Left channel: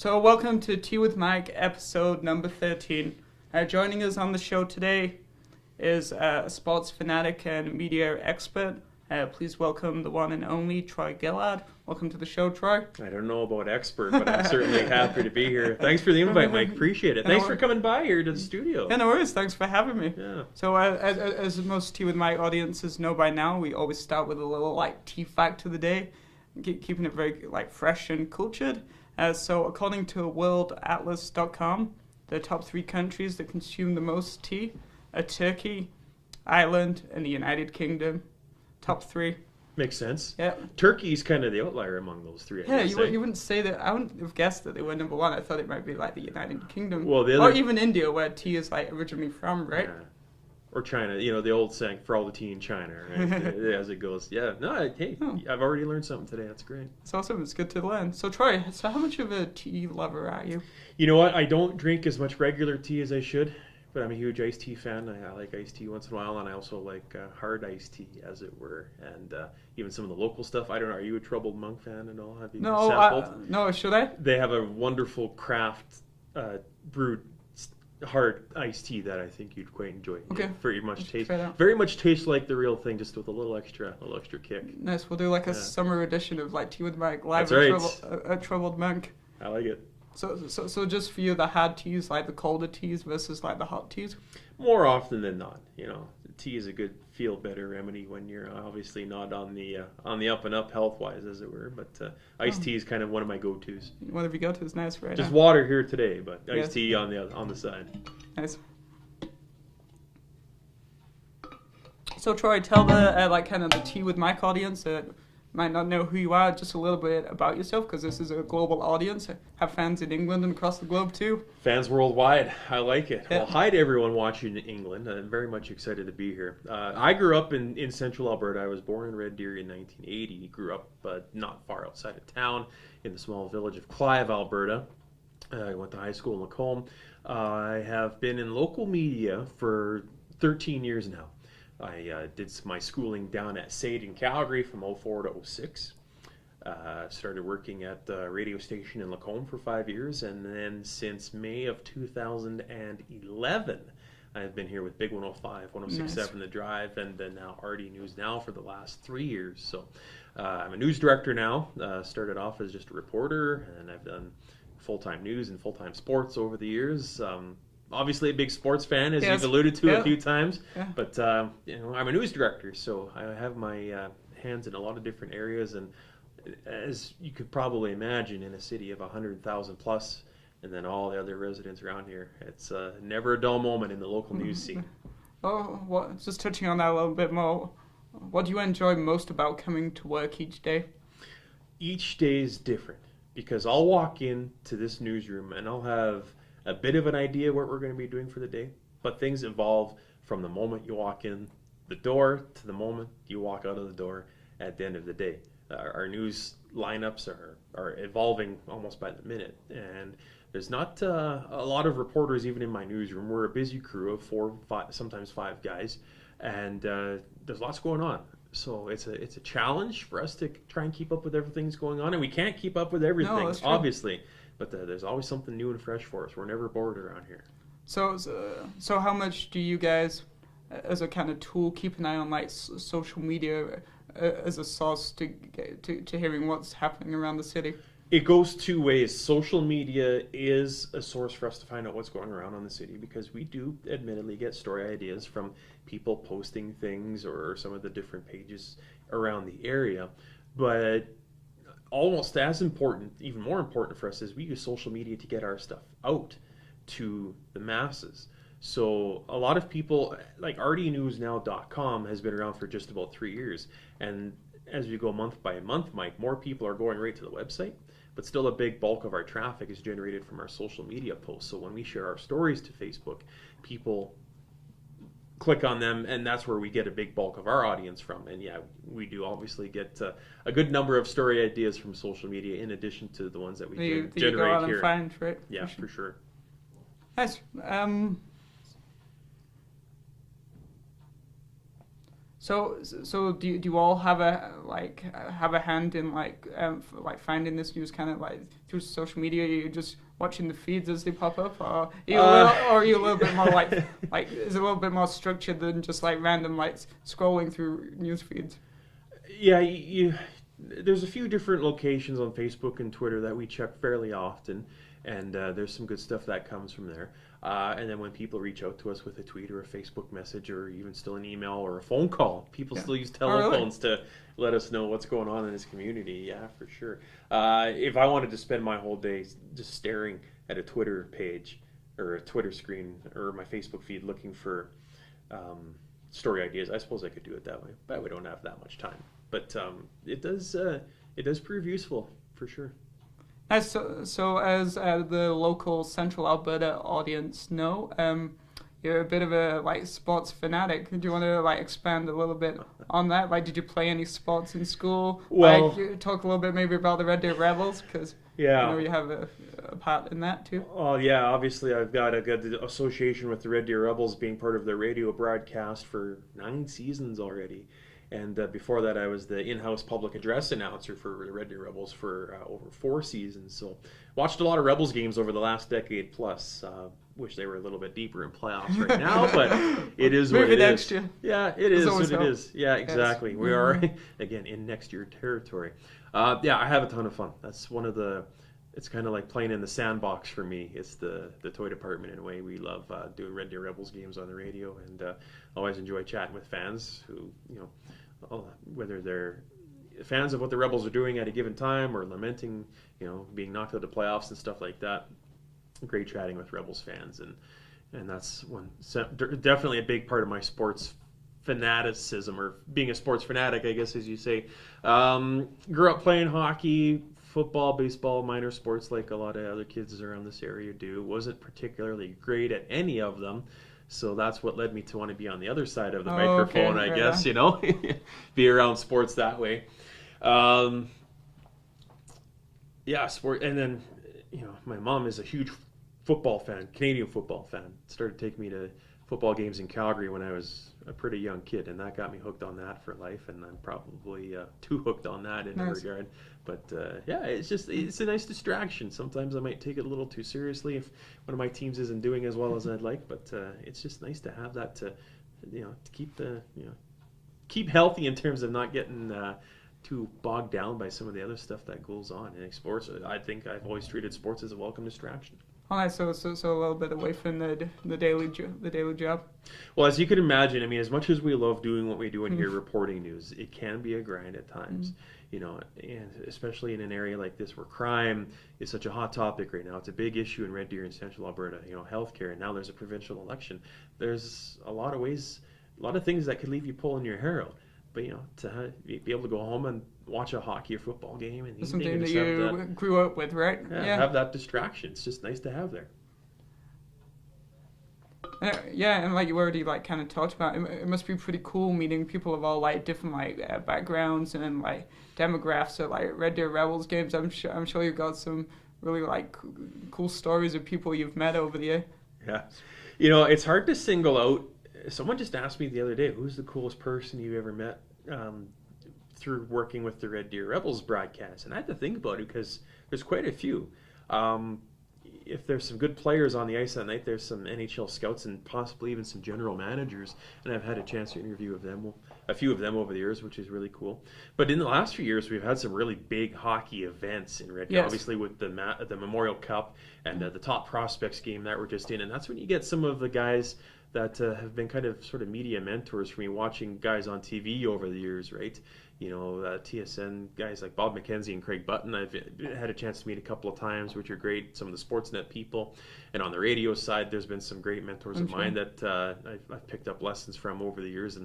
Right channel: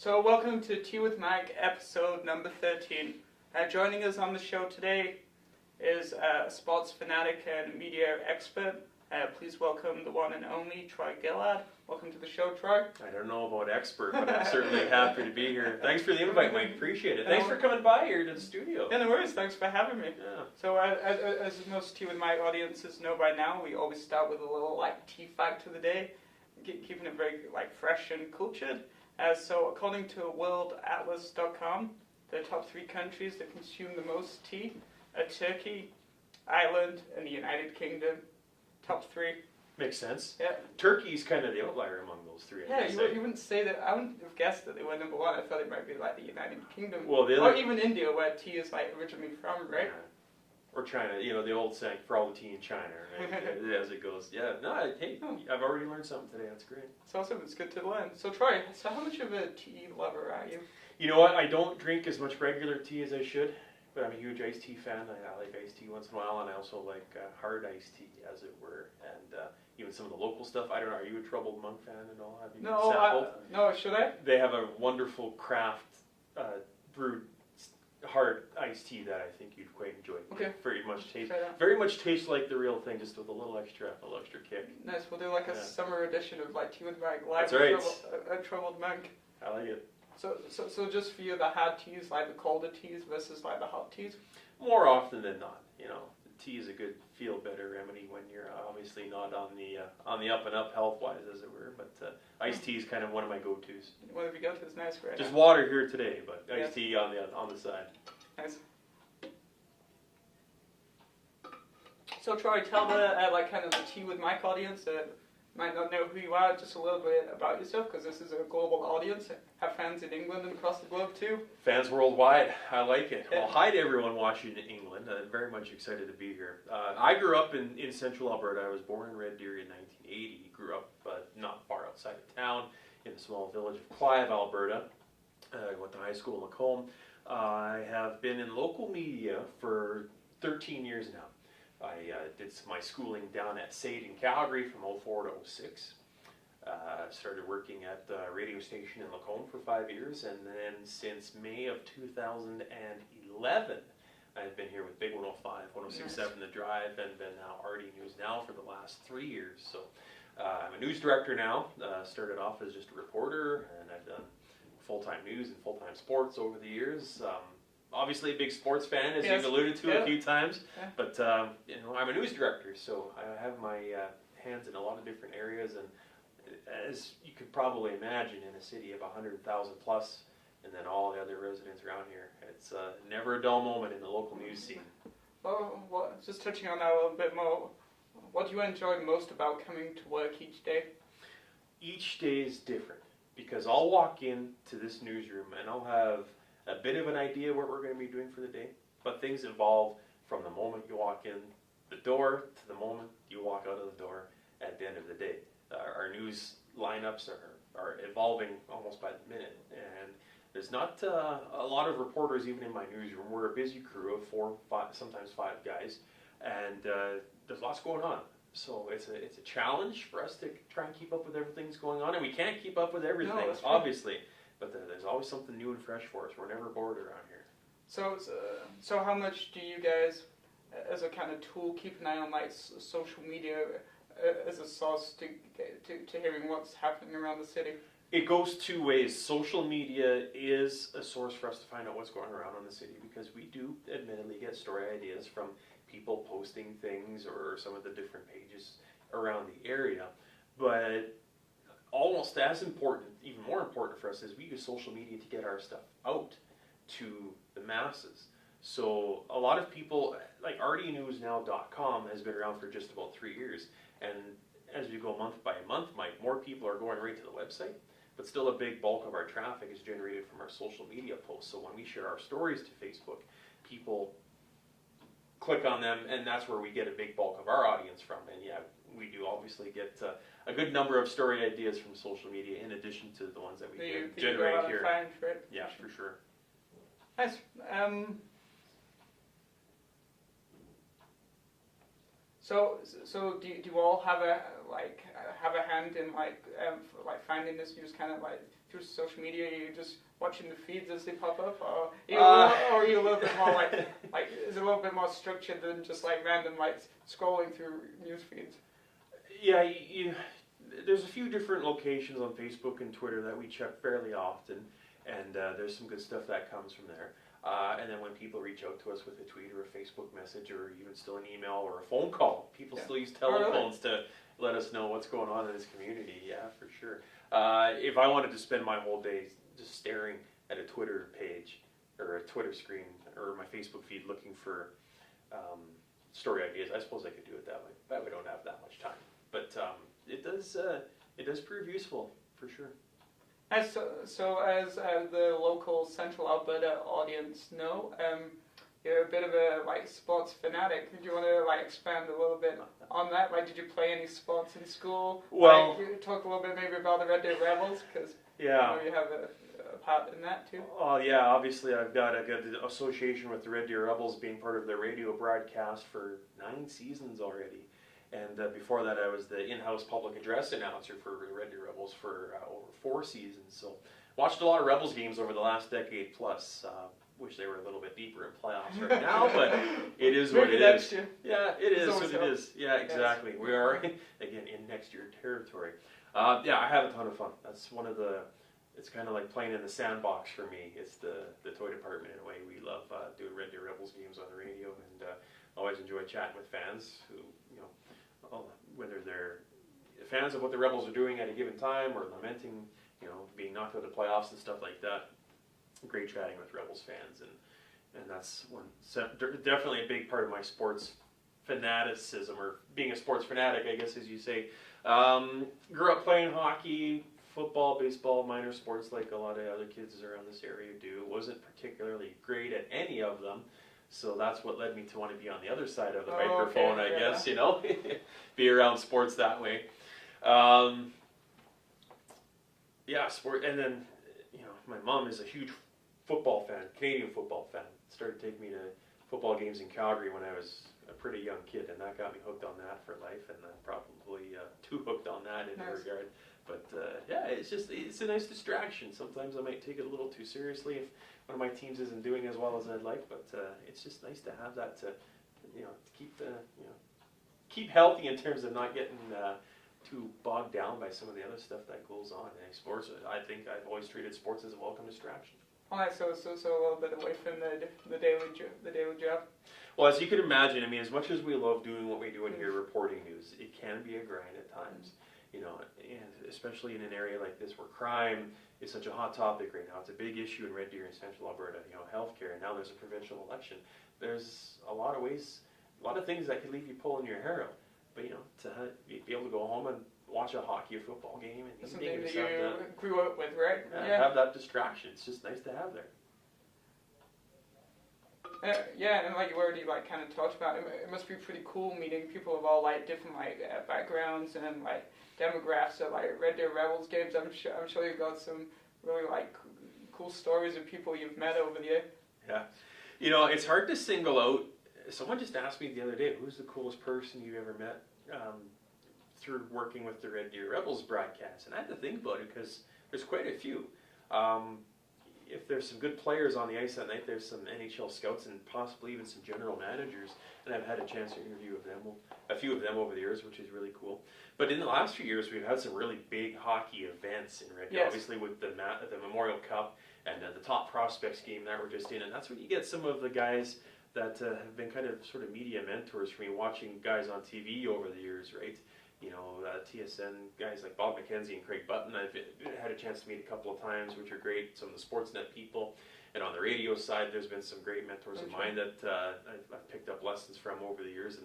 So welcome to Tea with Mike, episode number 13. Joining us on the show today is a sports fanatic and media expert. Please welcome the one and only Troy Gillard. Welcome to the show, Troy. I don't know about expert, but I'm certainly happy to be here. Thanks for the invite, Mike. Appreciate it. Thanks for coming by here to the studio. Yeah, no worries. Thanks for having me. Yeah. So as most Tea with Mike audiences know by now, we always start with a little tea fact of the day, keeping it very fresh and cultured. So according to worldatlas.com, the top 3 countries that consume the most tea are Turkey, Ireland, and the United Kingdom. Top 3. Makes sense. Yeah. Turkey's kind of the outlier among those 3. Yeah, you wouldn't say that. I wouldn't have guessed that they were number 1. I thought it might be the United Kingdom. Well, or even India, where tea is originally from, right? Yeah. Or China, the old saying, for all the tea in China, right? As it goes. Yeah, I've already learned something today. That's great. It's awesome. It's good to learn. So, Troy, how much of a tea lover are you? You know what? I don't drink as much regular tea as I should, but I'm a huge iced tea fan. I like iced tea once in a while, and I also like hard iced tea, as it were, and even some of the local stuff. I don't know, are you a Troubled Monk fan at all? Have you sampled? No, should I? They have a wonderful craft brewed hard iced tea that I think you'd quite enjoy. Okay. Very much tastes like the real thing, just with a little extra kick. Nice. We'll do a summer edition of Tea with Mike live at Troubled Monk. I like it. So just for you, the hard teas, the colder teas versus the hot teas? More often than not, tea is a good feel better remedy when you're obviously not on the up and up health wise, as it were. But iced tea is kind of one of my go-tos. What have you got? Is nice right Just now. water here today, but iced tea on the side. Nice. So Troy, tell the kind of the Tea with Mike audience that might not know who you are, just a little bit about yourself, because this is a global audience. I have fans in England and across the globe too. Fans worldwide. I like it. Yeah. Well, hi to everyone watching in England. I'm very much excited to be here. I grew up in central Alberta. I was born in Red Deer in 1980. Grew up not far outside of town in the small village of Clive, Alberta. I went to high school in Lacombe. I have been in local media for 13 years now. I did my schooling down at SAID in Calgary from 04 to 06. Started working at the radio station in Lacombe for 5 years, and then since May of 2011, I've been here with Big 105, 106.7 Nice. The Drive, and then now RD News Now for the last 3 years. So I'm a news director now. Started off as just a reporter, and I've done full-time news and full-time sports over the years. Obviously a big sports fan, as you've alluded to a few times, but I'm a news director, so I have my hands in a lot of different areas, and as you could probably imagine, in a city of 100,000 plus, and then all the other residents around here, it's never a dull moment in the local news scene. Oh, just touching on that a little bit more, what do you enjoy most about coming to work each day? Each day is different, because I'll walk into this newsroom and I'll have a bit of an idea what we're going to be doing for the day, but things evolve from the moment you walk in the door to the moment you walk out of the door at the end of the day. Our news lineups are evolving almost by the minute, and there's not a lot of reporters even in my newsroom. We're a busy crew of 4, 5, sometimes 5 guys, and there's lots going on. So it's a challenge for us to try and keep up with everything that's going on, and we can't keep up with everything, obviously. But there's always something new and fresh for us. We're never bored around here. So how much do you guys, as a kind of tool, keep an eye on social media as a source to hearing what's happening around the city? It goes 2 ways. Social media is a source for us to find out what's going around in the city, because we do admittedly get story ideas from people posting things or some of the different pages around the area. But almost as important, even more important for us, is we use social media to get our stuff out to the masses. So a lot of people, like rdnewsnow.com has been around for just about 3 years. And as we go month by month, Mike, more people are going right to the website, but still a big bulk of our traffic is generated from our social media posts. So when we share our stories to Facebook, people click on them, and that's where we get a big bulk of our audience from. And yeah, we do obviously get a good number of story ideas from social media, in addition to the ones that we generate you go out here. And find, right? Yeah, for sure. Nice. So do you all have a hand in finding this news, kind of through social media? Are you just watching the feeds as they pop up, or are you a little bit more like is it a little bit more structured than just like random like scrolling through news feeds? Yeah, there's a few different locations on Facebook and Twitter that we check fairly often, and there's some good stuff that comes from there. And then when people reach out to us with a tweet or a Facebook message or even still an email or a phone call, people still use telephones to let us know what's going on in this community. Yeah, for sure. If I wanted to spend my whole day just staring at a Twitter page or a Twitter screen or my Facebook feed looking for story ideas, I suppose I could do it that way, but we don't have that much time. But it does prove useful for sure. So as the local Central Alberta audience know, you're a bit of a like sports fanatic. Do you want to like expand a little bit on that? Like, did you play any sports in school? Well, talk a little bit maybe about the Red Deer Rebels, because you have a part in that too. Oh yeah, obviously I've got a good association with the Red Deer Rebels, being part of their radio broadcast for 9 seasons already. And before that, I was the in-house public address announcer for the Red Deer Rebels for over 4 seasons. So watched a lot of Rebels games over the last decade plus. Wish they were a little bit deeper in playoffs right now, but it is what it is. Year. Yeah, it is what it is. Yeah, exactly. Yes. We are, again, in next year territory. Yeah, I have a ton of fun. That's one of the... It's kind of like playing in the sandbox for me. It's the toy department in a way. We love doing Red Deer Rebels games on the radio, and always enjoy chatting with fans who, whether they're fans of what the Rebels are doing at a given time or lamenting, being knocked out of the playoffs and stuff like that. Great chatting with Rebels fans, and that's definitely a big part of my sports fanaticism, or being a sports fanatic, I guess, as you say. Grew up playing hockey, football, baseball, minor sports like a lot of other kids around this area do. Wasn't particularly great at any of them, so that's what led me to want to be on the other side of the microphone, I guess, be around sports that way. Sport, and then, my mom is a huge football fan, Canadian football fan. Started taking me to football games in Calgary when I was a pretty young kid, and that got me hooked on that for life, and I'm probably too hooked on that in that regard. But it's a nice distraction. Sometimes I might take it a little too seriously if one of my teams isn't doing as well as I'd like, but it's just nice to have that to keep healthy in terms of not getting too bogged down by some of the other stuff that goes on in sports. I think I've always treated sports as a welcome distraction. All right, so a little bit away from the daily job. Well, as you can imagine, I mean, as much as we love doing what we do in here, reporting news, it can be a grind at times. And especially in an area like this where crime is such a hot topic right now. It's a big issue in Red Deer and Central Alberta. Healthcare, and now there's a provincial election. There's a lot of ways, a lot of things that could leave you pulling your hair out. But to be able to go home and watch a hockey or football game, and something that you grew up with, right? Have that distraction. It's just nice to have there. And like you already kind of talked about, it must be pretty cool meeting people of all different backgrounds and demographics at Red Deer Rebels games. I'm sure you've got some really cool stories of people you've met over the year. Yeah, it's hard to single out. Someone just asked me the other day, who's the coolest person you ever met through working with the Red Deer Rebels broadcast? And I had to think about it because there's quite a few. If there's some good players on the ice that night, there's some NHL scouts and possibly even some general managers. And I've had a chance to interview a few of them over the years, which is really cool. But in the last few years, we've had some really big hockey events in Red Deer, obviously with the Memorial Cup and the Top Prospects game that we're just in. And that's when you get some of the guys that have been kind of sort of media mentors for me, watching guys on TV over the years, right? TSN guys like Bob McKenzie and Craig Button, I've had a chance to meet a couple of times, which are great. Some of the Sportsnet people. And on the radio side, there's been some great mentors of mine that I've picked up lessons from over the years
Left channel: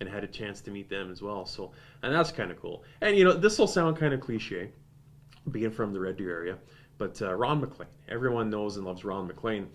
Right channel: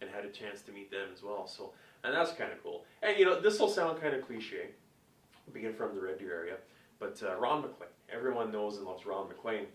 and had a chance to meet them as well. So, and that's kind of cool. And, this will sound kind of cliche, being from the Red Deer area, but Ron McLean. Everyone knows and loves Ron McLean.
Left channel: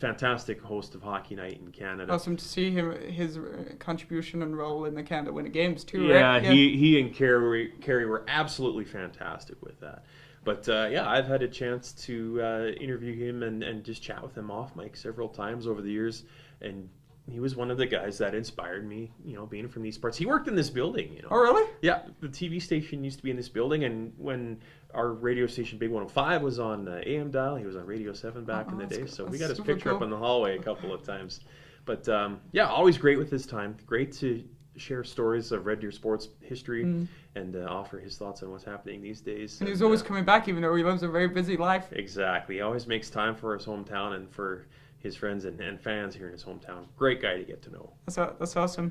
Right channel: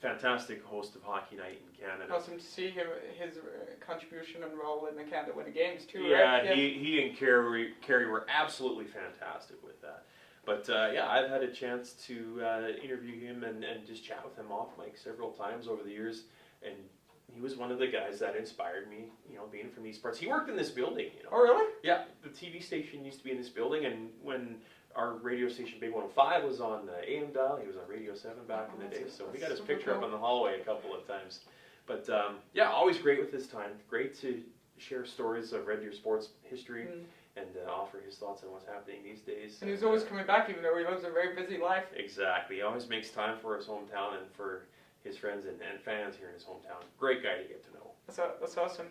Fantastic host of Hockey Night in Canada. Awesome to see his contribution and role in the Canada Winter Games too. Yeah, right? He and Carrie were absolutely fantastic with that. But I've had a chance to interview him and just chat with him off mic several times over the years, and he was one of the guys that inspired me. Being from these parts, he worked in this building. Oh, really? Yeah, the TV station used to be in this building, and when our radio station, Big 105, was on AM dial. He was on Radio 7 back in the day. So we got his picture up in the hallway a couple of times. But yeah, always great with his time. Great to share stories of Red Deer sports history and offer his thoughts on what's happening these days. And he's always coming back, even though he lives a very busy life. Exactly. He always makes time for his hometown and for his friends and fans here in his hometown. Great guy to get to know. That's awesome.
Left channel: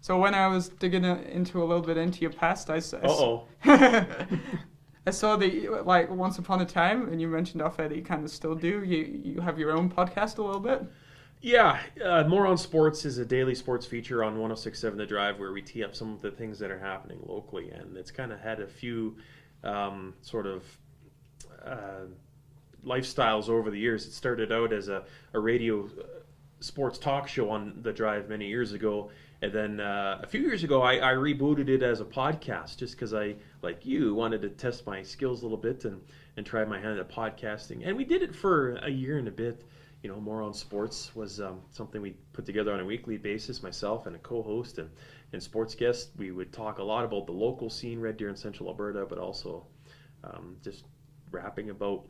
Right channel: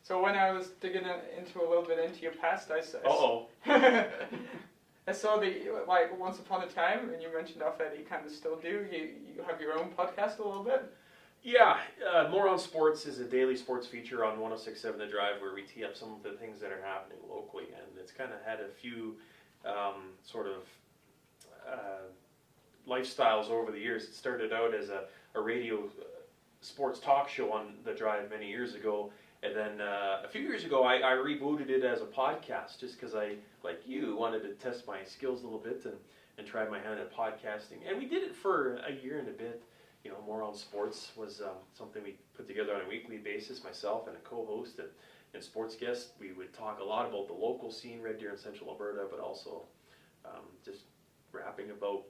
So when I was digging into a little bit into your past, I saw that, like, once upon a time, and you mentioned off air that you kind of still do, you have your own podcast a little bit? Yeah, More on Sports is a daily sports feature on 106.7 The Drive where we tee up some of the things that are happening locally, and it's kind of had a few sort of lifestyles over the years. It started out as a radio sports talk show on The Drive many years ago, and then a few years ago I rebooted it as a podcast just because I, like you, wanted to test my skills a little bit and try my hand at podcasting. And we did it for a year and a bit. You know, More on Sports was something we put together on a weekly basis, myself and a co-host and sports guest. We would talk a lot about the local scene, Red Deer and Central Alberta, but also just rapping about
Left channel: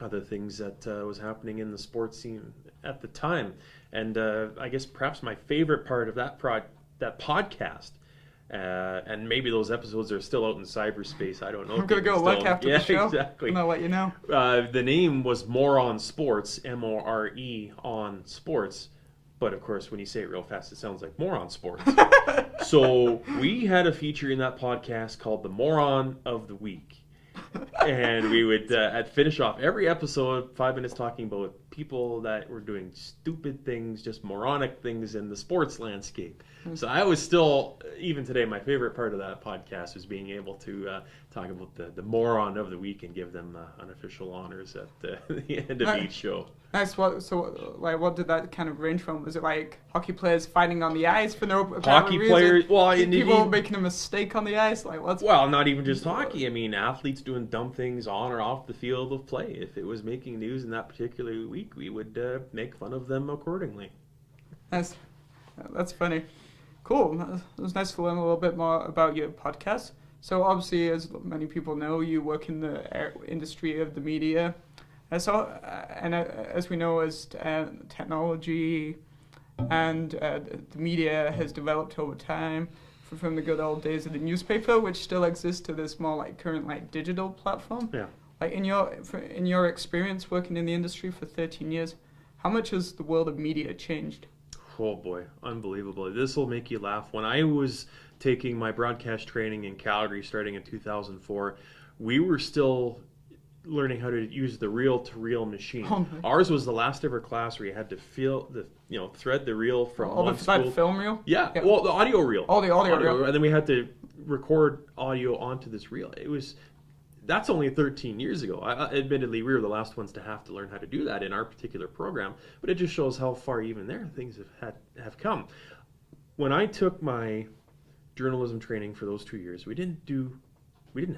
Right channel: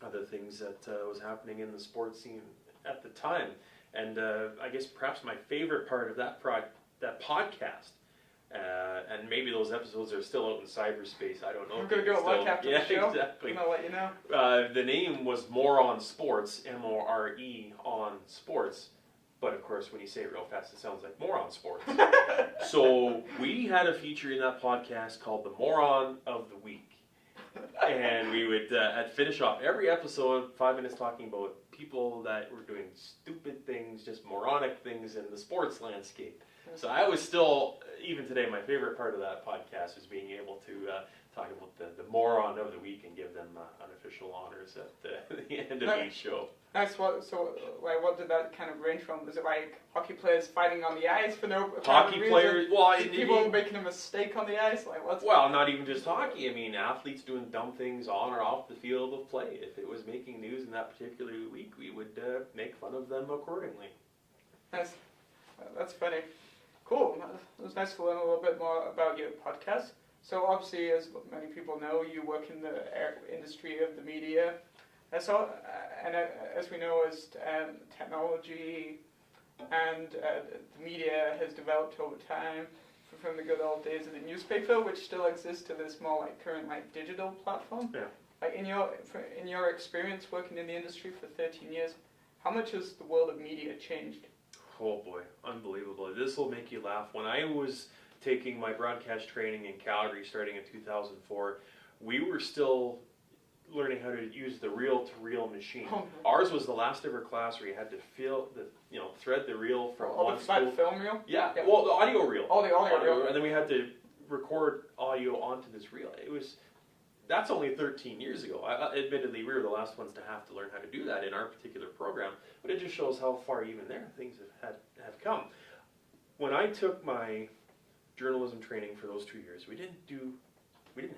other things that was happening in the sports scene at the time. And I guess perhaps my favorite part of that podcast, and maybe those episodes are still out in cyberspace. I don't know. I'm going to go look after the show. Exactly. And I'll let you know. The name was More on Sports, More on Sports. But of course, when you say it real fast, it sounds like More on Sports. So we had a feature in that podcast called the Moron of the Week. And we would finish off every episode, 5 minutes talking about people that were doing stupid things, just moronic things in the sports landscape. So I was still, even today, my favorite part of that podcast was being able to talk about the moron of the week and give them unofficial honors at the end of each show. Nice. What did that kind of range from? Was it like hockey players fighting on the ice for no apparent hockey reason? Players? Well, people making a mistake on the ice. Well, not even just hockey. I mean, athletes doing dumb things on or off the field of play. If it was making news in that particular week, we would make fun of them accordingly. Nice. That's funny. Cool. It was nice to learn a little bit more about your podcast. So obviously, as many people know, you work in the industry of the media. As we know, as technology and the media has developed over time, from the good old days of the newspaper, which still exists, to this more like current like digital platform. Yeah. Like in your experience working in the industry for 13 years, how much has the world of media changed? Oh boy, unbelievable. This will make you laugh. When I was taking my broadcast training in Calgary starting in 2004, we were still learning how to use the reel-to-reel machine. Oh, ours was the last ever class where you had to thread the reel from one spool. That film reel? Yeah. Well, the audio reel. Oh, the audio reel. And then we had to record audio onto this reel. That's only 13 years ago. Admittedly, we were the last ones to have to learn how to do that in our particular program, but it just shows how far even there things have come. When I took my journalism training for those 2 years, we didn't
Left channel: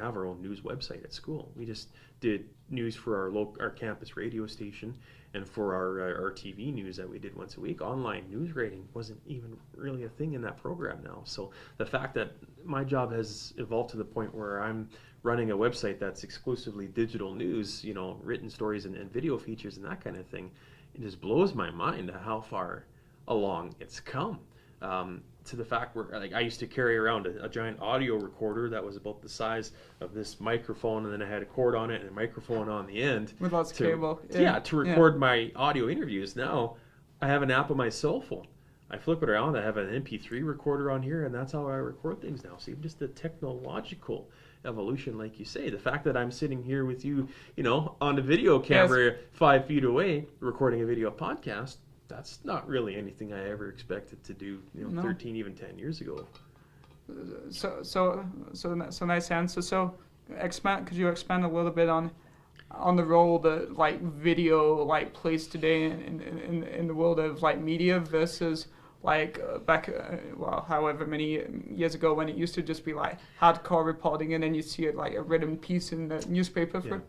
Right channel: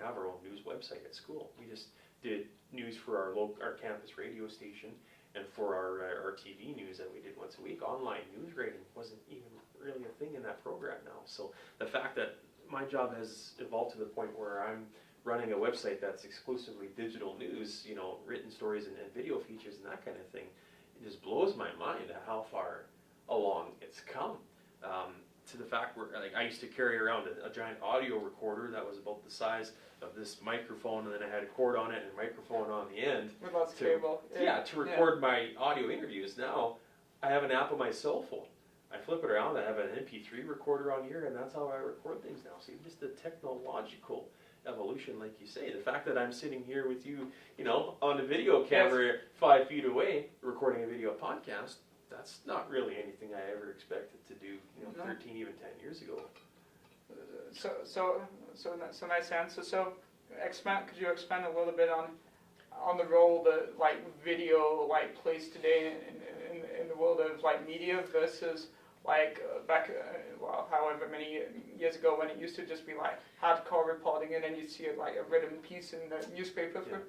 have our own news website at school. We just did news for our campus radio station and for our TV news that we did once a week. Online news rating wasn't even really a thing in that program now. So the fact that my job has evolved to the point where I'm running a website that's exclusively digital news, written stories and video features and that kind of thing, it just blows my mind at how far along it's come. To the fact where, like, I used to carry around a giant audio recorder that was about the size of this microphone, and then I had a cord on it and a microphone on the end. With lots of cable. To record my audio interviews. Now, I have an app on my cell phone. I flip it around, I have an MP3 recorder on here, and that's how I record things now. So just the technological evolution, like you say. The fact that I'm sitting here with you, on a video camera 5 feet away, recording a video podcast, that's not really anything I ever expected to do, 13, even 10 years ago. So nice answer. So, could you expand a little bit on the role that like video plays today in the world of like media versus like back however many years ago when it used to just be like hardcore reporting and then you see it like a written piece in the newspaper.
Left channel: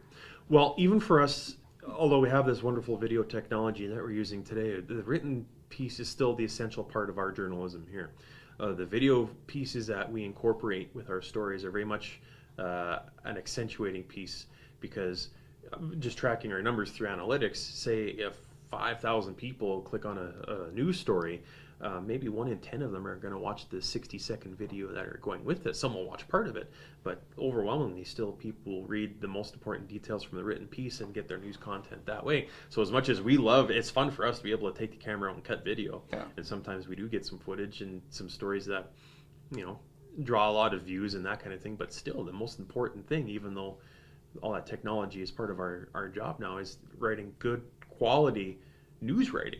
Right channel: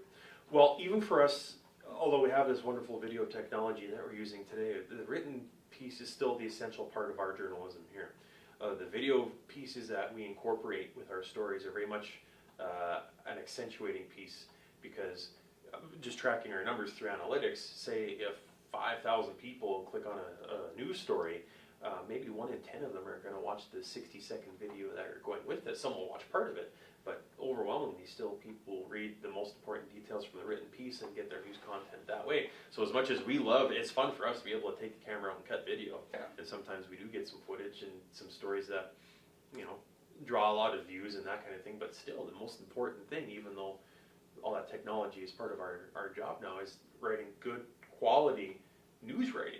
Well, even for us, although we have this wonderful video technology that we're using today, the written piece is still the essential part of our journalism here. The video pieces that we incorporate with our stories are very much an accentuating piece, because just tracking our numbers through analytics, say if 5,000 people click on a news story, maybe 1 in 10 of them are going to watch the 60-second video that are going with it. Some will watch part of it, but overwhelmingly still people read the most important details from the written piece and get their news content that way. So as much as we love, it's fun for us to be able to take the camera out and cut video. Yeah. And sometimes we do get some footage and some stories that, draw a lot of views and that kind of thing, but still the most important thing, even though all that technology is part of our job now, is writing good quality news writing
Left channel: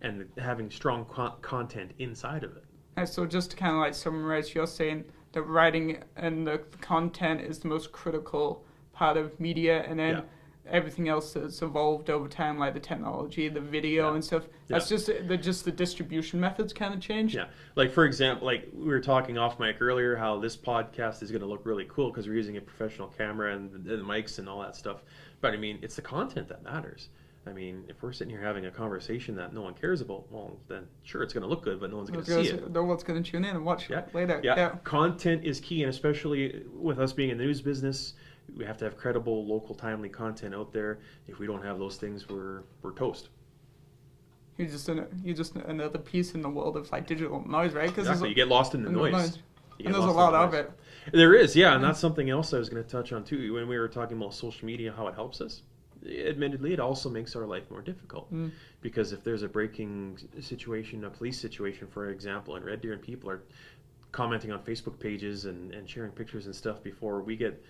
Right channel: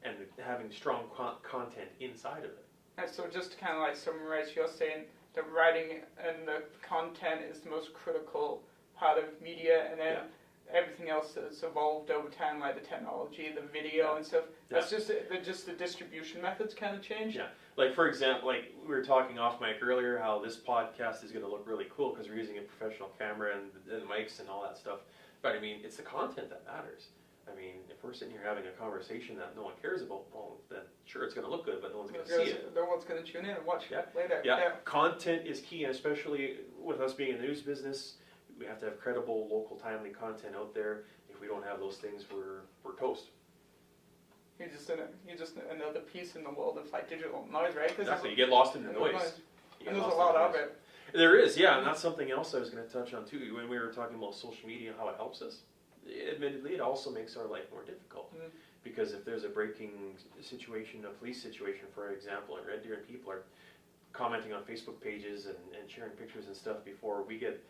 and having strong content inside of it. And so just to kind of like summarize, you're saying the writing and the content is the most critical part of media, and then everything else that's evolved over time, like the technology, the video and stuff, that's just the distribution methods kind of change. Yeah, like for example, like we were talking off mic earlier, how this podcast is going to look really cool because we're using a professional camera and the mics and all that stuff. But I mean, it's the content that matters. I mean, if we're sitting here having a conversation that no one cares about, well, then sure, it's going to look good, but no one's going to see it. No one's going to tune in and watch it later. Yeah, content is key, and especially with us being in the news business, we have to have credible, local, timely content out there. If we don't have those things, we're toast. You're just another piece in the world of like digital noise, right? Exactly. You get lost in the noise. And there's a lot of it. There is, yeah, and that's something else I was going to touch on too. When we were talking about social media, how it helps us, admittedly, it also makes our life more difficult. Because if there's a breaking situation, a police situation, for example, in Red Deer, and people are commenting on Facebook pages and sharing pictures and stuff before we get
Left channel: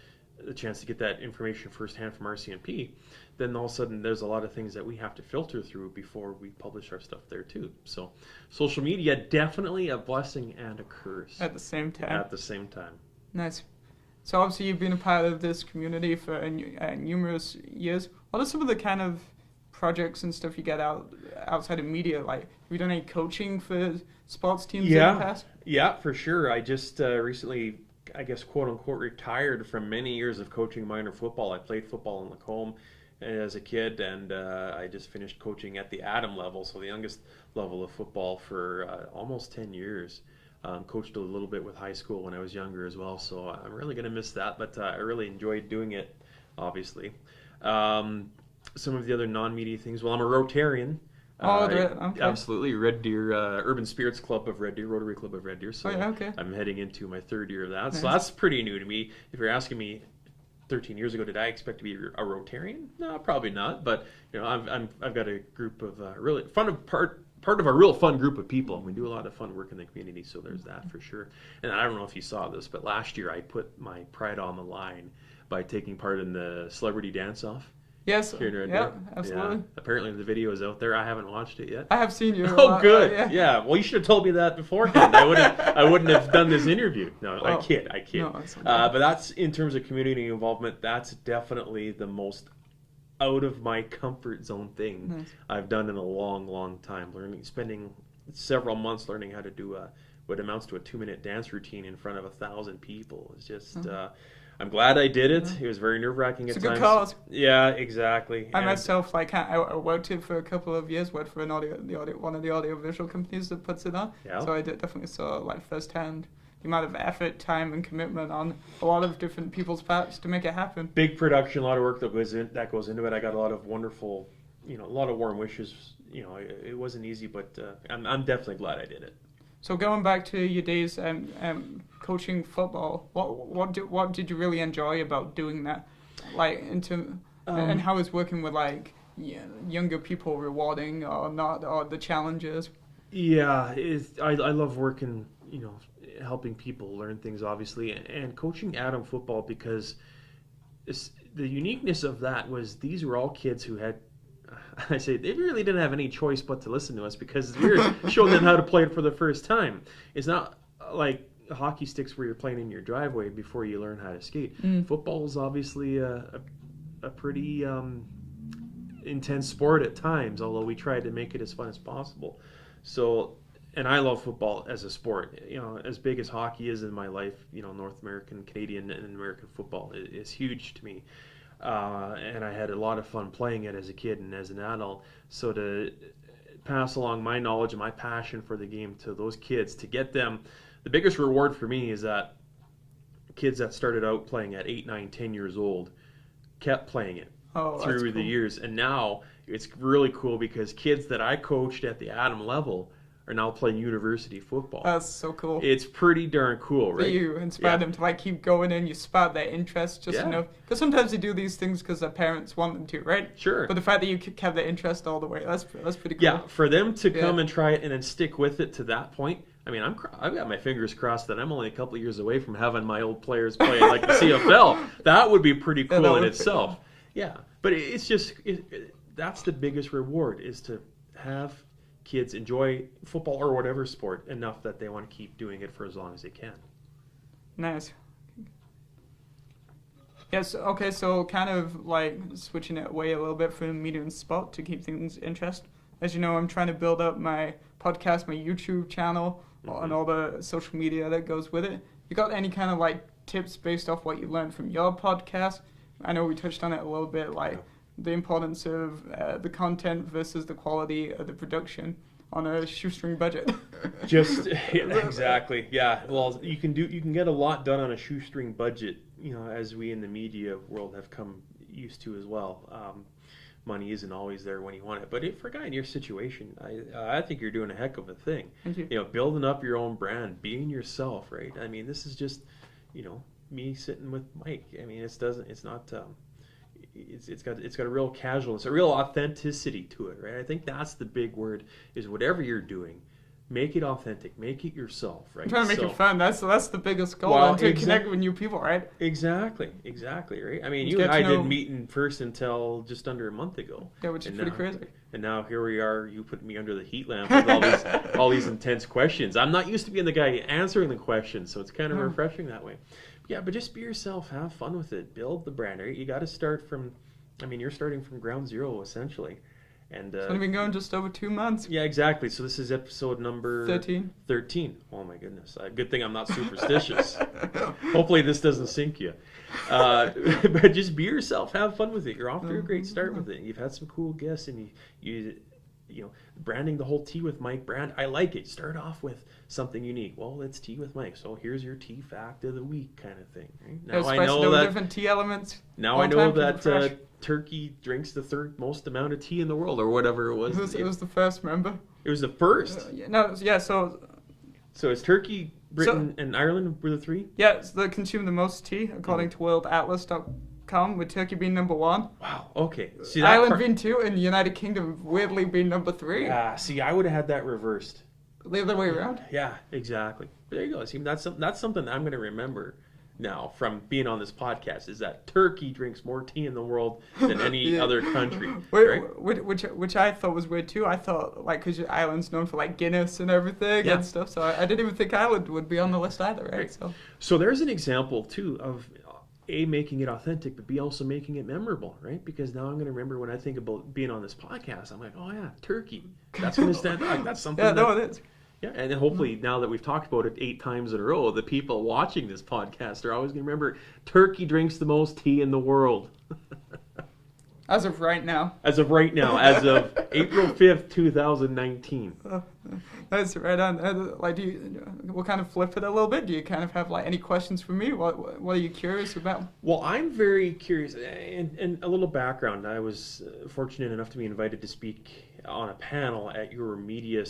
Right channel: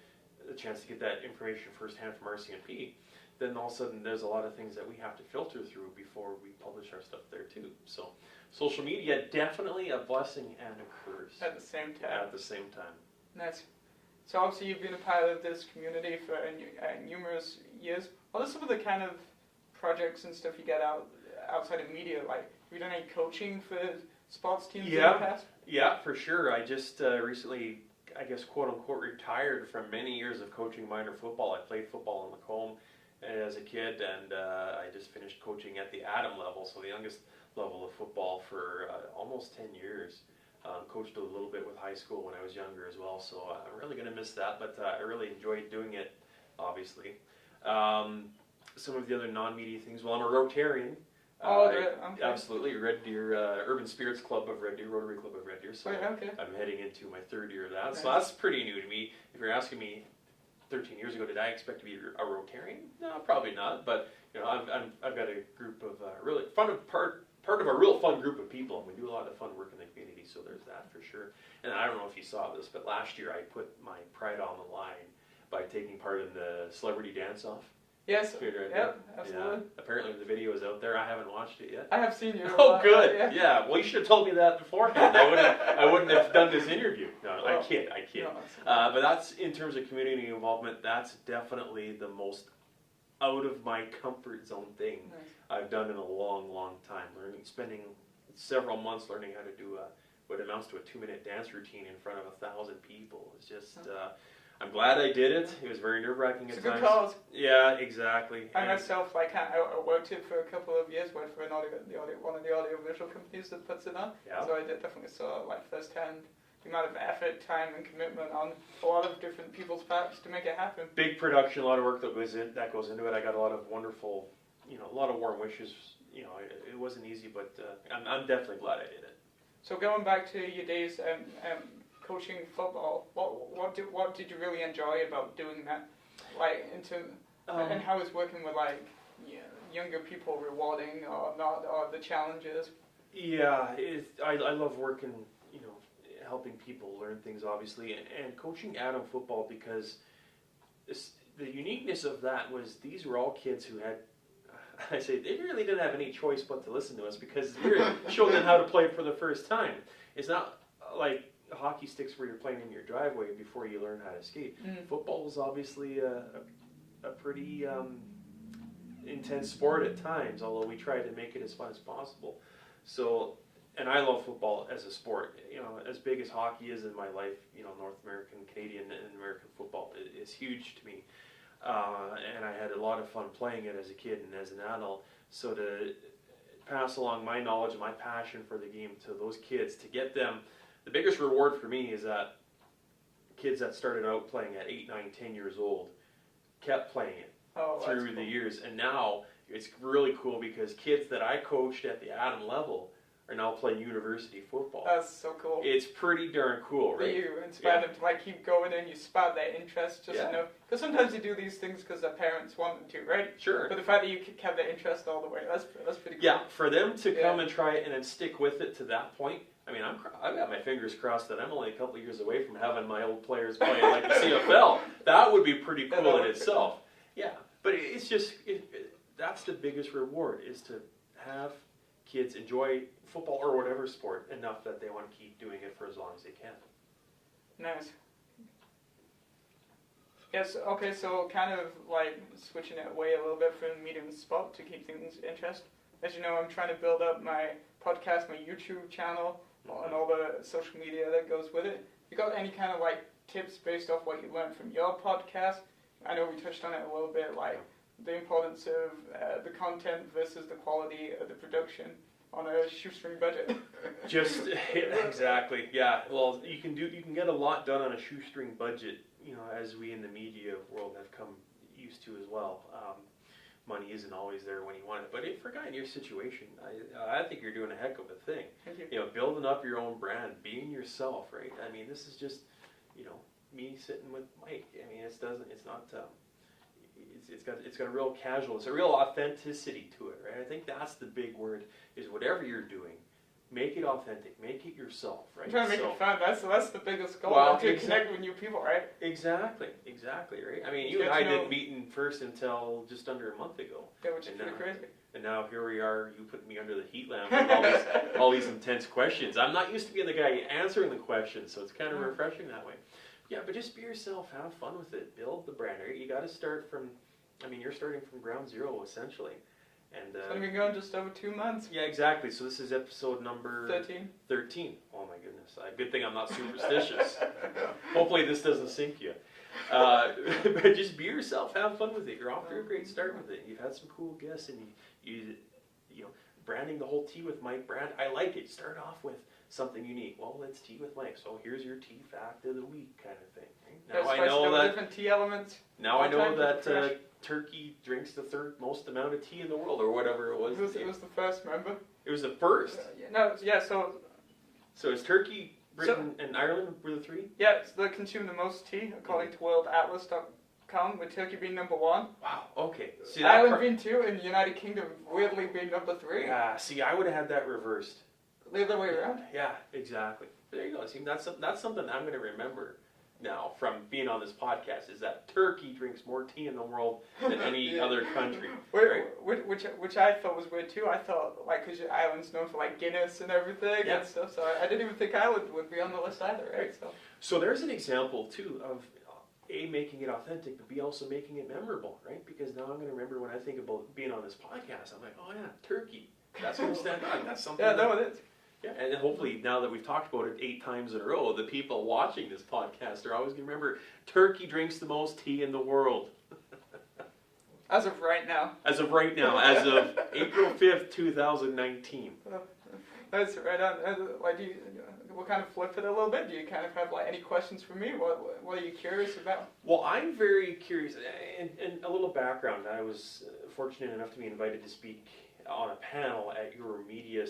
the chance to get that information firsthand from RCMP, then all of a sudden there's a lot of things that we have to filter through before we publish our stuff there too. So social media, definitely a blessing and a curse. At the same time. At the same time. Nice. So obviously you've been a part of this community for numerous years. What are some of the kind of projects and stuff you get outside of media? Like, have you done any coaching for sports teams in the past? Yeah, for sure. I just recently, I guess, quote unquote, retired from many years of coaching minor football. I played football in Lacombe as a kid, and I just finished coaching at the Adam level, so the youngest level of football, for almost 10 years. Coached a little bit with high school when I was younger as well, so I'm really going to miss that, but I really enjoyed doing it, obviously. Some of the other non-media things, well, I'm a Rotarian. Okay. Absolutely. Red Deer Urban Spirits Club of Red Deer, Rotary Club of Red Deer. So I'm heading into my 3rd year of that. Nice. So that's pretty new to me. If you're asking me 13 years ago, did I expect to be a Rotarian? No, probably not. But I've got a group of really fun part of a real fun group of people, and we do a lot of fun work in the community. So there's that for sure. And I don't know if you saw this, but last year I put my pride on the line by taking part in the Celebrity Dance-Off. Yes, absolutely. Yeah. Apparently the video is out there. I haven't watched it yet. I have seen you. Oh, good. Yeah. Well, you should have told me that beforehand. I wouldn't have done this interview. No, I kid. No, but that's, in terms of community involvement, that's definitely the most out of my comfort zone thing I've done in a long, long time. Spending several months learning how to do what amounts to a 2-minute dance routine in front of 1,000 people. It's just... I'm glad I did it. It was very nerve-wracking at times. It's a good cause. Yeah, exactly. I myself, I worked it for a couple of years, worked for one of the audio-visual companies that puts it on. Yeah. So I definitely saw firsthand the amount of effort, time, and commitment on a lot of different people's parts to make it happen. Big production, a lot of work that goes into it. I got a lot of wonderful, a lot of warm wishes. It wasn't easy, but I'm definitely glad I did it. So going back to your days coaching football, what did you really enjoy about doing that? And how is working with younger people rewarding or not, or the challenges? Yeah, I love working, helping people learn things, obviously, and coaching Adam football, because the uniqueness of that was these were all kids who had, I say, they really didn't have any choice but to listen to us, because we were showing them how to play it for the first time. It's not like hockey sticks where you're playing in your driveway before you learn how to skate. Football is obviously a pretty intense sport at times, although we tried to make it as fun as possible. So, and I love football as a sport. As big as hockey is in my life, North American, Canadian, and American football is huge to me. And I had a lot of fun playing it as a kid and as an adult. So to pass along my knowledge and my passion for the game to those kids, to get them, the biggest reward for me is that kids that started out playing at 8, 9, 10 years old kept playing it through the years. And now it's really cool because kids that I coached at the Adam level are now playing university football. That's so cool. It's pretty darn cool, right? You inspired them to like keep going and you spark their interest just enough. Because sometimes they do these things because their parents want them to, right? Sure. But the fact that you kept their interest all the way, that's pretty cool. Yeah, for them to come and try it and then stick with it to that point. I mean, I've got my fingers crossed that I'm only a couple of years away from having my old players playing like the CFL. That would be pretty cool in itself. Yeah, but it's just that's the biggest reward, is to have kids enjoy football or whatever sport enough that they want to keep doing it for as long as they can. Nice. Yes, okay, so kind of like switching it away a little bit from media and sport to keep things interesting. As you know, I'm trying to build up my podcast, my YouTube channel, and all the social media that goes with it. You got any kind of like tips based off what you learned from your podcast? I know we touched on it a little bit, like the importance of the content versus the quality of the production on a shoestring budget. Just exactly, yeah. Well, you can get a lot done on a shoestring budget, you know, as we in the media world have come used to as well. Money isn't always there when you want it, but for a guy in your situation, I think you're doing a heck of a thing. Thank you. You know, building up your own brand, being yourself, right? I mean, this is just, you know, me sitting with Mike. I mean, it's got a real casualness, a real authenticity to it, right? I think that's the big word, is whatever you're doing, make it authentic, make it yourself, right? I'm trying to make it fun. That's the biggest goal, and to connect with new people, right? Exactly, right? I mean, you and I didn't meet in person until just under a month ago. Yeah, which is pretty crazy. And now here we are, you put me under the heat lamp with all these intense questions. I'm not used to being the guy answering the questions, so it's kind of refreshing that way. Yeah, but just be yourself, have fun with it, build the brand, right? You got to start from, I mean, you're starting from ground zero, essentially. And it's only been going just over 2 months. Yeah, exactly. So this is episode number 13. Oh my goodness. Good thing I'm not superstitious. Hopefully this doesn't sink you. But just be yourself, have fun with it. You're off to a great start with it. You've had some cool guests, and you know, branding the whole Teawithmike brand. I like it. Start off with something unique. Well, it's Teawithmike, so here's your tea fact of the week, kind of thing. Right? Now I know that different tea elements. Now I know that Turkey drinks the third most amount of tea in the world, or whatever it was. It was the first, remember? It was the first. So it's Turkey, Britain, and Ireland were the three. Yeah, they consume the most tea according to worldatlas.com, with Turkey being number 1. Wow. Okay. See, Ireland being 2, and the United Kingdom weirdly being number 3. Yeah. See, I would have had that reversed. The other way around? Yeah, exactly. But there you go. See, that's something I'm going to remember now from being on this podcast, is that Turkey drinks more tea in the world than any other country. Right? Which I thought was weird too. I thought, like, because Ireland's known for like Guinness and everything and stuff, so I didn't even think Ireland would be on the list either, right? So there's an example too of A, making it authentic, but B, also making it memorable, right? Because now I'm going to remember when I think about being on this podcast, I'm like, oh yeah, Turkey. That's going to stand out. That's something. Yeah, no, it is. Yeah, and hopefully now that we've talked about it 8 times in a row, the people watching this podcast are always going to remember Turkey drinks the most tea in the world. As of right now. As of April 5th, 2019. That's right on. Like, we'll kind of flip it a little bit. Do you kind of have like any questions for me? What are you curious about? Well, I'm very curious, and a little background. I was fortunate enough to be invited to speak on a panel at your Media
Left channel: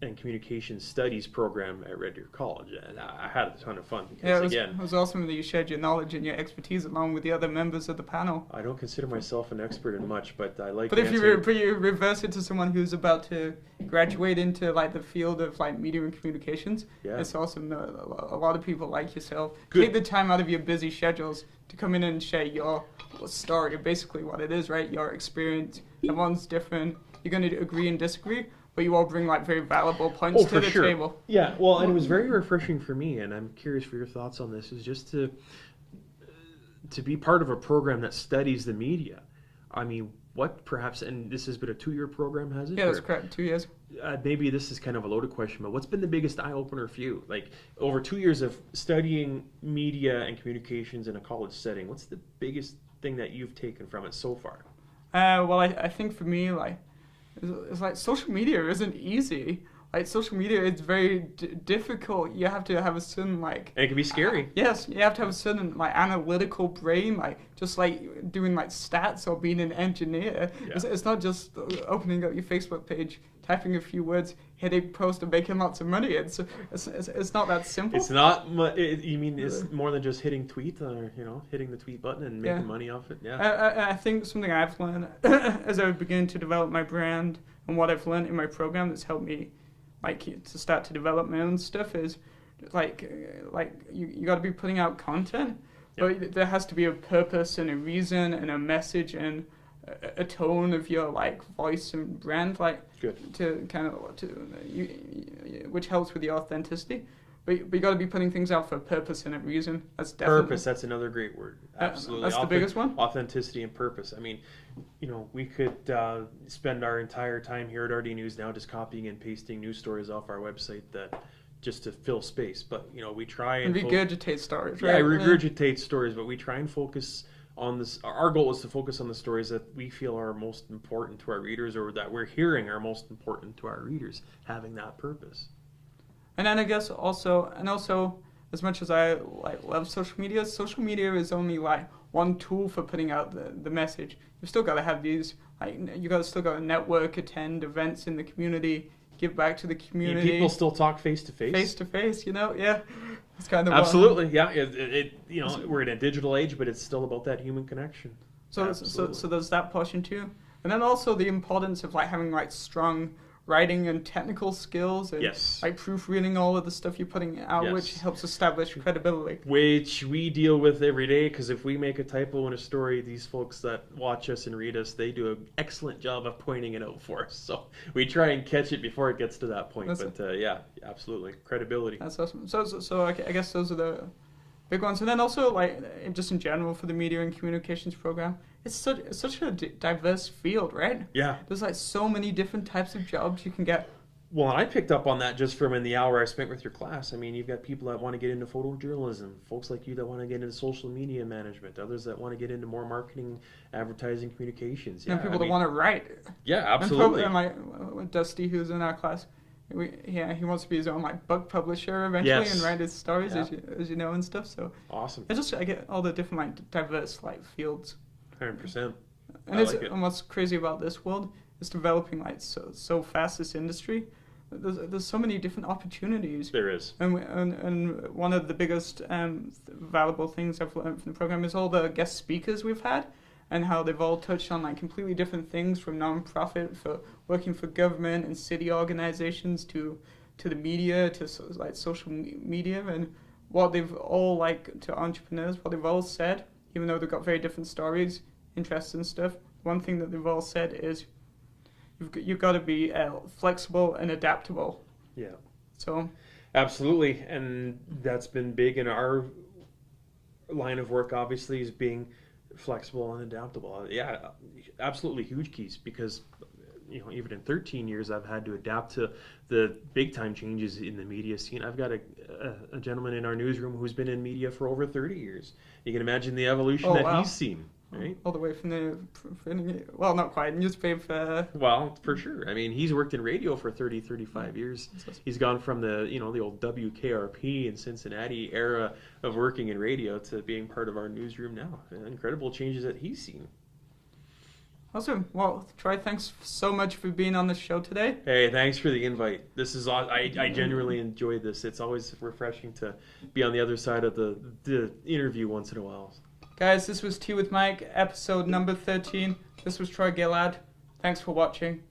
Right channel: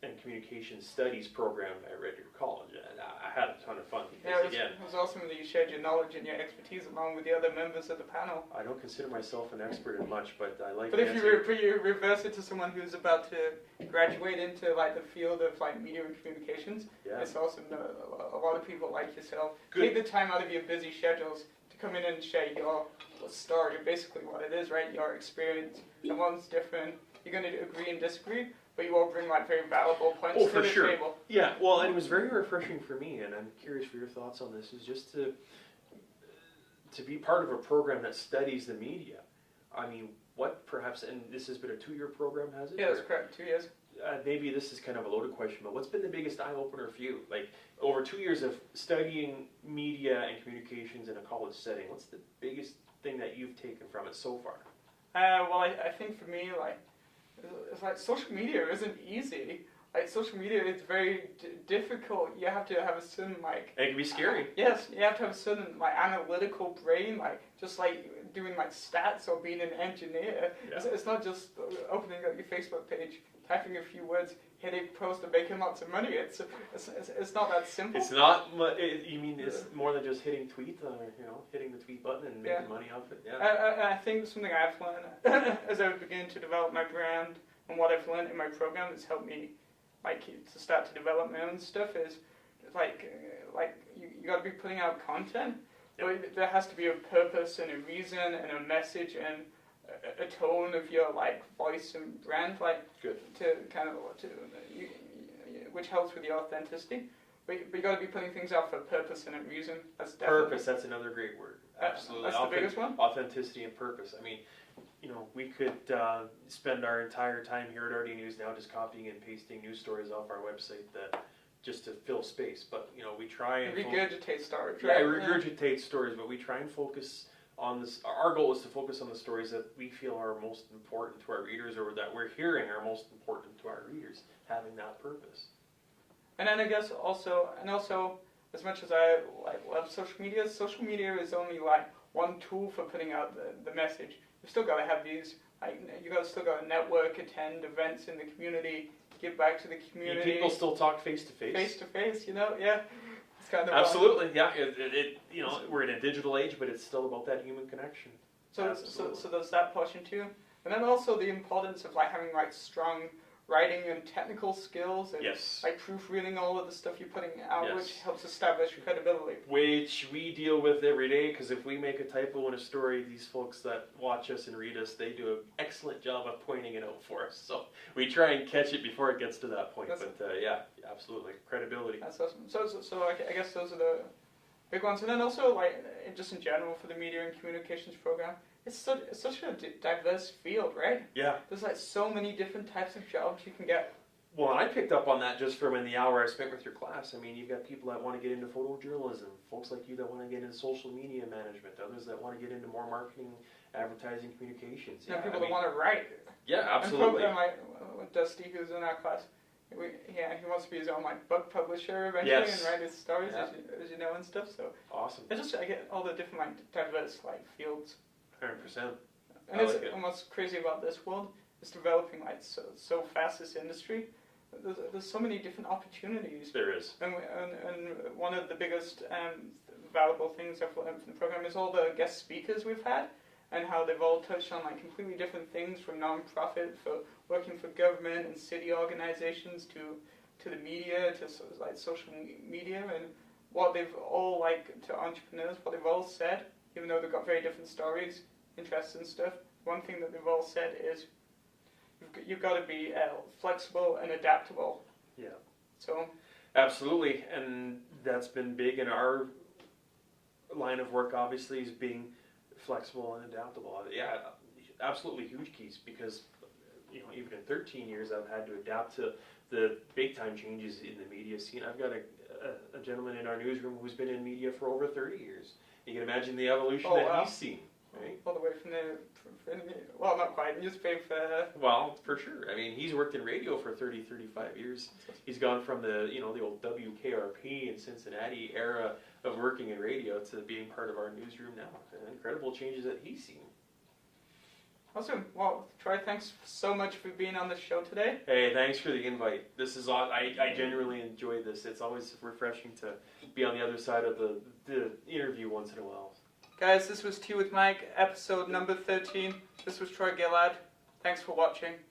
and Communication Studies program at Red Deer College, and I had a ton of fun because, it was awesome that you shared your knowledge and your expertise along with the other members of the panel. I don't consider myself an expert in much, but I like. But if you reverse it to someone who's about to graduate into like the field of like media and communications, it's awesome that a lot of people like yourself take the time out of your busy schedules to come in and share your story. Basically, what it is, right? Your experience. Everyone's different. You're going to agree and disagree, but you all bring like very valuable points to the table. Yeah, well, and it was very refreshing for me, and I'm curious for your thoughts on this, is just to be part of a program that studies the media. I mean, what perhaps, and this has been a 2-year program, has it? Yeah, that's correct, 2 years. Maybe this is kind of a loaded question, but what's been the biggest eye-opener for you? Like, over 2 years of studying media and communications in a college setting, what's the biggest thing that you've taken from it so far? Well, I think for me, like, it's like social media isn't easy. like social media is very difficult. You have to have a certain like. It can be scary. Yes, you have to have a certain like analytical brain, like just like doing like stats or being an engineer. Yeah. It's not just opening up your Facebook page, typing a few words, hitting post, and making lots of money. It's not that simple. It's not. You mean it's more than just hitting tweet, or hitting the tweet button and making money off it? Yeah. I think something I've learned as I begin to develop my brand and what I've learned in my program that's helped me like to start to develop my own stuff is like you got to be putting out content, but there has to be a purpose and a reason and a message and a tone of your like voice and brand, like Good. to kind of which helps with the authenticity. But you got to be putting things out for a purpose and a reason. That's definitely Purpose. That's another great word. Absolutely. That's the biggest one. Authenticity and purpose. I mean, we could spend our entire time here at RD News now just copying and pasting news stories off our website that just to fill space. But we try and regurgitate stories. Yeah, Right? regurgitate stories. But we try and focus on this. Our goal is to focus on the stories that we feel are most important to our readers, or that we're hearing are most important to our readers, having that purpose. And then I guess also as much as I like love social media is only like one tool for putting out the message. You've still got to have these, like, still got to network, attend events in the community, give back to the community. People still talk face to face. Face to face, yeah. It's kind of absolutely, yeah. We're in a digital age, but it's still about that human connection. So there's that portion too, and then also the importance of like having like strong writing and technical skills and like proofreading all of the stuff you're putting out, which helps establish credibility. Which we deal with every day, because if we make a typo in a story, these folks that watch us and read us, they do an excellent job of pointing it out for us. So we try and catch it before it gets to that point. Yeah, absolutely. Credibility. That's awesome. So I guess those are the big ones. And then also, like, just in general for the media and communications program, it's such a diverse field, right? Yeah. There's like so many different types of jobs you can get. Well, and I picked up on that just from in the hour I spent with your class. I mean, you've got people that want to get into photojournalism, folks like you that want to get into social media management, others that want to get into more marketing, advertising, communications. Yeah, and people that want to write. Yeah, absolutely. And Dusty, who's in our class, he wants to be his own like book publisher eventually and write his stories, as you know, and stuff. So awesome. I get all the different like diverse like fields. 100%. And what's crazy about this world is developing like so fast, this industry. There's so many different opportunities. There is. And one of the biggest valuable things I've learned from the program is all the guest speakers we've had, and how they've all touched on like completely different things, from non-profit for working for government and city organizations to the media, to like social media, and what they've all like to entrepreneurs, what they've all said, even though they've got very different stories, interests and stuff. One thing that they've all said is you've got to be flexible and adaptable. Yeah. So. Absolutely, and that's been big in our line of work. Obviously, is being flexible and adaptable. Yeah, absolutely huge keys, because even in 13 years, I've had to adapt to the big time changes in the media scene. I've got a gentleman in our newsroom who's been in media for over 30 years. You can imagine the evolution he's seen, right? All the way from well, not quite, newspaper. Well, for sure. I mean, he's worked in radio for 30, 35 years. He's gone from the old WKRP in Cincinnati era of working in radio to being part of our newsroom now. Incredible changes that he's seen. Awesome. Well, Troy, thanks so much for being on this show today. Hey, thanks for the invite. This is I genuinely enjoy this. It's always refreshing to be on the other side of the interview once in a while. Guys, this was Tea with Mike, episode number 13. This was Troy Gillard. Thanks for watching.